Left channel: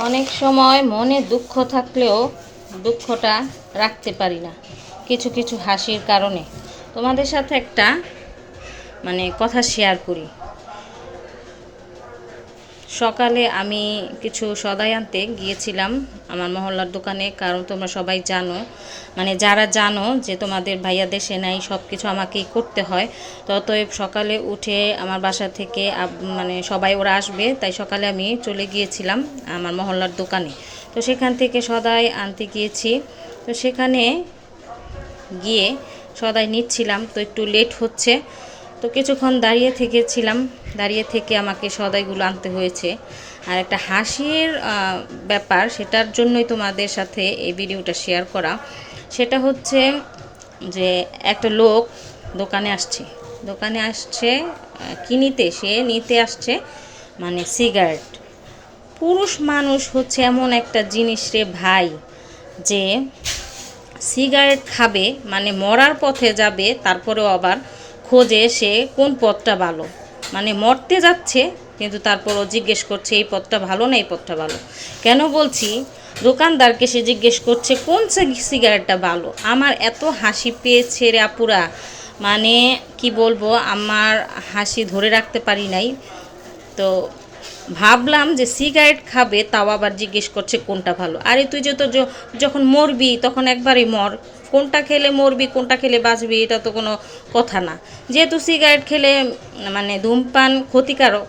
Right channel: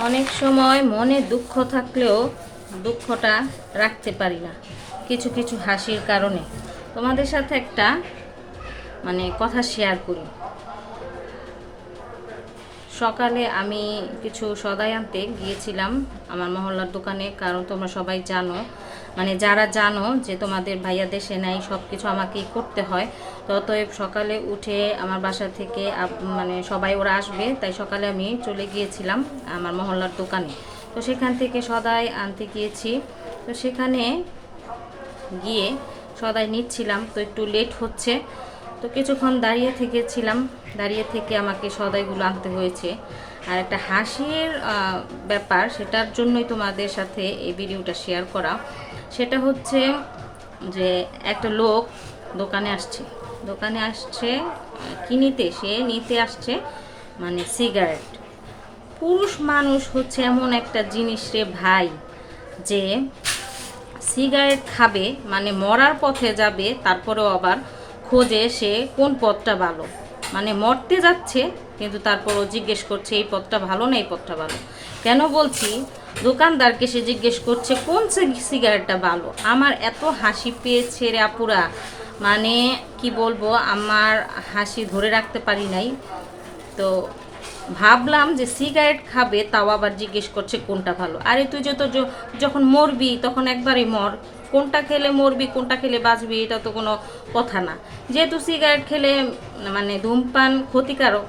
অনেক সময় মনে দুঃখ থাকলেও দুঃখটা রাখতে পারি না কিছু কিছু হাসির কারণে। তোমাদের সাথে একটা কথা শেয়ার করি। সকালে আমি কিছু সদাই আনতে গিয়েছিলাম আমার মহল্লার দোকানে, কারণ তোমরা সবাই জানো, যারা জানো যে তোমাদের ভাইয়া দেশে নাই, সব কিছু আমাকেই করতে হয়। তো অতএব সকালে উঠে আমার বাসা থেকে সবাই ওরা আসবে, তাই সকালে আমি চলে গিয়েছিলাম আমার মহল্লার দোকানে। তো সেখান থেকে সদাই আনতে গিয়েছি। তো সেখানে গিয়ে সদাই নিচ্ছিলাম, তো একটু লেট হচ্ছে, তো কিছুক্ষণ দাঁড়িয়ে থেকে আমাকে সদাইগুলো আনতে হয়েছে। আর একটা হাসির ব্যাপার, সেটার জন্যই তোমাদের সাথে এই ভিডিওটা শেয়ার করা। সেটা হচ্ছে যে একটা লোক দোকানে আসছে সে নিতে আসছে সিগারেট। পুরুষ মানুষ হচ্ছে এমন একটা জিনিস রে ভাই, যে সিগারেট খাবে মরার পথে যাবে, তারপরেও আবার খোঁজে সে কোন পথটা ভালো। মরতে যাচ্ছে কিন্তু তারপরও জিজ্ঞেস করছে এই পথটা ভালো না এই পথটা ভালো। কেন বলছি, দোকানদারকে সে জিজ্ঞেস করছে কোন সিগারেটটা ভালো। আমার এত হাসি পেয়েছে রে আপুরা, কি বলবো, আমার হাসি ধরে রাখতে পারি নাই। তো ভাবলাম যে সিগারেট খাবে, তাও আবার জিজ্ঞেস করছে কোনটা ভালো। আরে তুই যখন মরবি তখন একবারই মর, কোনটা খেলে মরবি কোনটা খেলে বাঁচবি এটা তো কোনো কথা না। যেহেতু সিগারেট খেলে ধূমপান ক্ষতিকারক,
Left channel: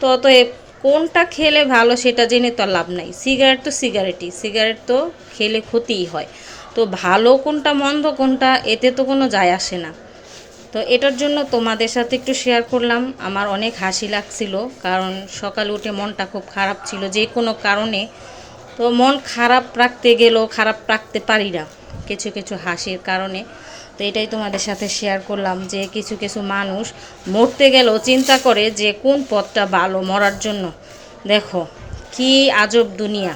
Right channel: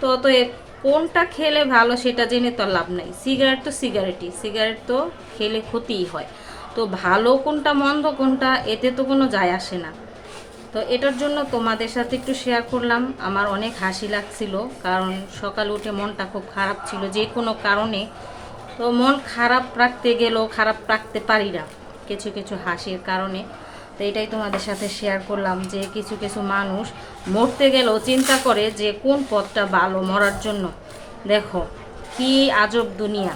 তো অতএব কোনটা খেলে ভালো সেটা জেনে তো লাভ নাই। সিগারেট তো খেলে ক্ষতিই হয়। তো ভালো কোনটা মন্দ কোনটা এতে তো কোনো যায় আসে না। তো এটার জন্য তোমাদের সাথে একটু শেয়ার করলাম। আমার অনেক হাসি লাগছিল, কারণ সকালে উঠে মনটা খুব খারাপ ছিল যে কোনো কারণে। তো মন খারাপ রাখতে গেলেও খারাপ রাখতে পারি না কিছু কিছু হাসির কারণে। তো এটাই তোমাদের সাথে শেয়ার করলাম যে কিছু কিছু মানুষ মরতে গেলেও চিন্তা করে যে কোন পথটা ভালো মরার জন্য। দেখো কি আজব দুনিয়া।